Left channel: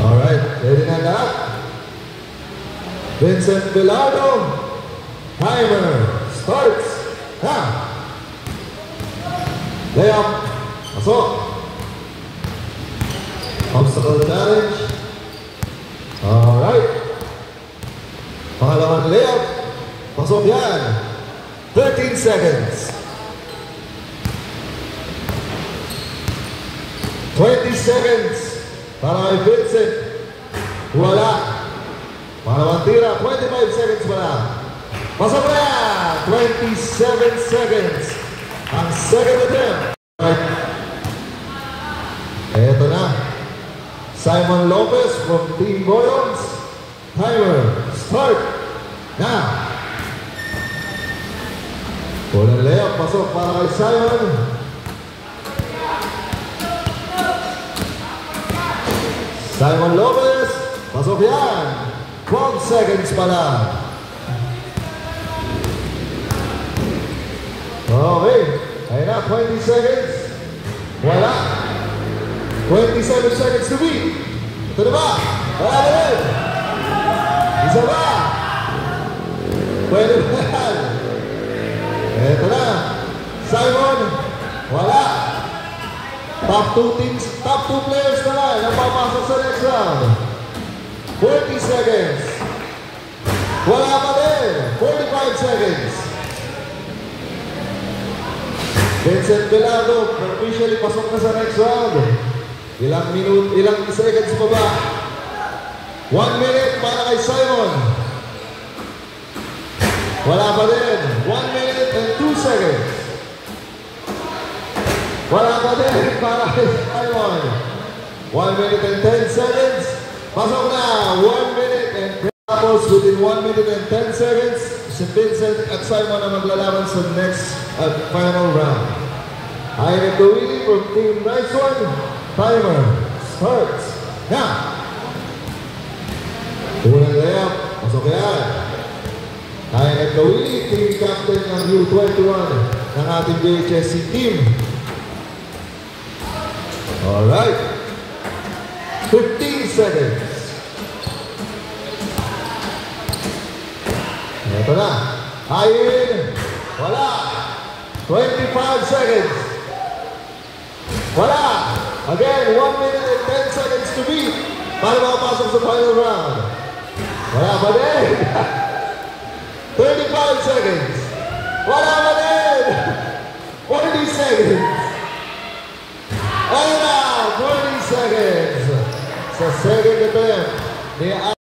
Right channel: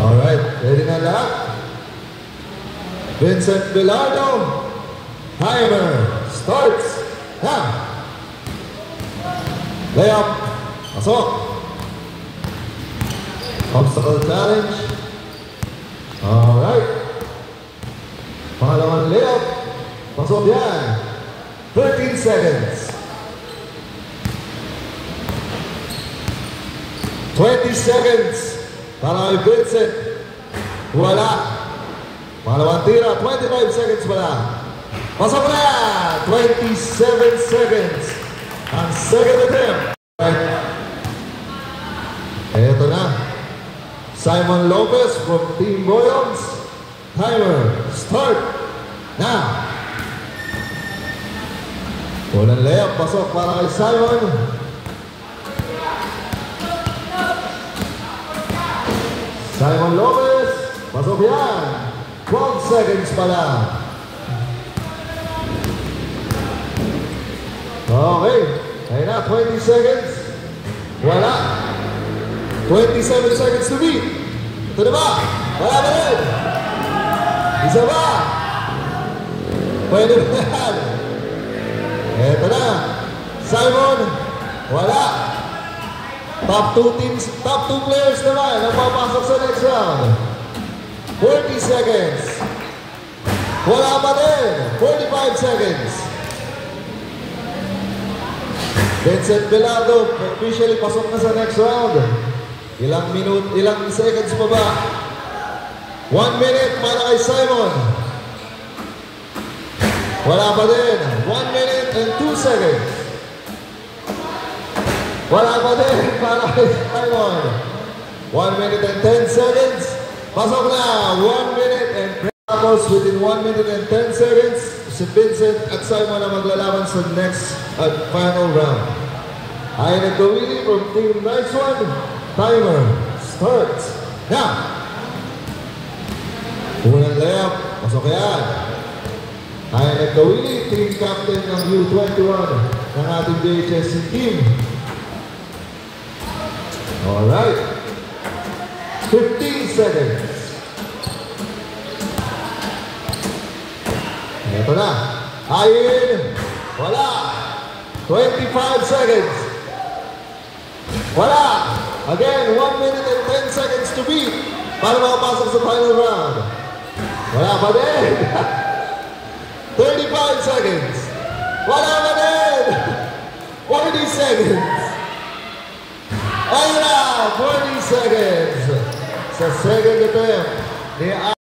Alright, ready na lahat? Vincent Villardo, timer starts now. Layup, pasok. Obstacle challenge. Alright. Pangalawang layup, pasok yan. 13 seconds. 20 seconds. Para kay Vincent. Wala. Pangalawang tira, 25 seconds pala. Pasok na yan. 27 seconds. Ang second attempt. Right. Eto na. Simon Lopez from Team Boyons. Timer, start now. Walang layup, pasok para kay Simon. Simon Lopez, pasok yan. 12 seconds pa lang. Okay, kaya na, 20 seconds. Wala. 27 seconds to beat. Ito na ba? Wala na rin. Isa ba? Pwede na yan. Ito na. Simon, wala. Top 2 teams, top 2 players naman ang papasok sa next round. 40 seconds. Wala pa din. 45 seconds. Vincent Villardo, officially pasok na sa next round. Ilang seconds pa ba? 1 minute para kay Simon. Wala pa din. 1 minute and 2 seconds. Wala pa din para kay Simon. 1 minute and 10 seconds. Pasok na. 1 minute and tapos within 1 minute and 10 seconds, si Vincent at Simon ang maglalaban sa next at final round. Ayan the winning from Team Nice One. Timer starts now. Unang layup. Pasok yan. Ayan the winning team captain ng U21 ng ating JHSC team. Alright. 15 seconds. Ito na. Ayin. Wala. 25 seconds. Wala. Again, 1 minute and 10 seconds to beat para makapasok sa final round. Wala pa din. 35 seconds. Wala pa din. 40 seconds. Ayun na. 40 seconds. Sa second attempt.